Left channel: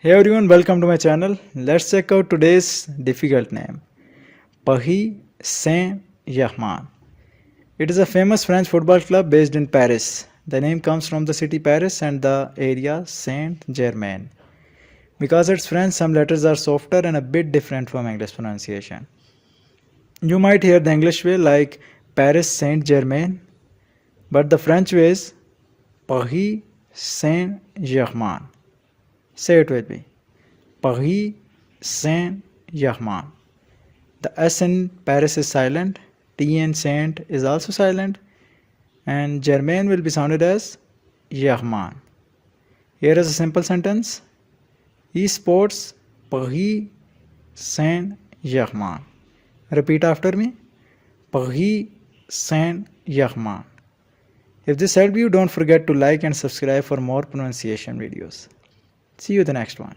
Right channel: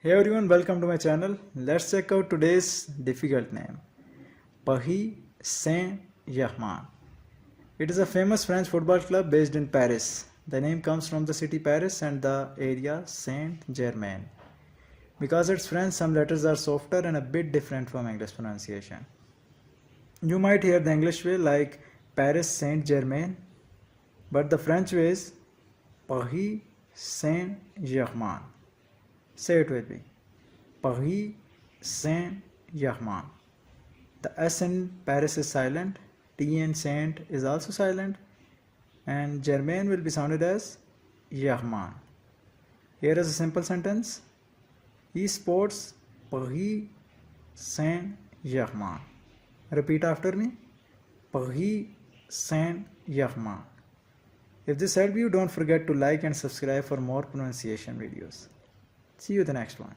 Hey everyone, welcome to my channel. Let's check out today's difficult name. Paris Saint Germain. It is a famous French football club based in Paris. The name comes from the city Paris and the area Saint Germain. Because it's French, some letters are softer and a bit different from English pronunciation. You might hear the English way like Paris Saint Germain, but the French way is Paris Saint Germain. Say it with me. Paris Saint Germain. The S in Paris is silent. T in Saint is also silent. And Germain will be sounded as Germain. Here is a simple sentence. Esports Paris Saint Germain. Repeat after me. Paris Saint Germain. If this helped you, don't forget to like and subscribe for more pronunciation videos. See you in the next one.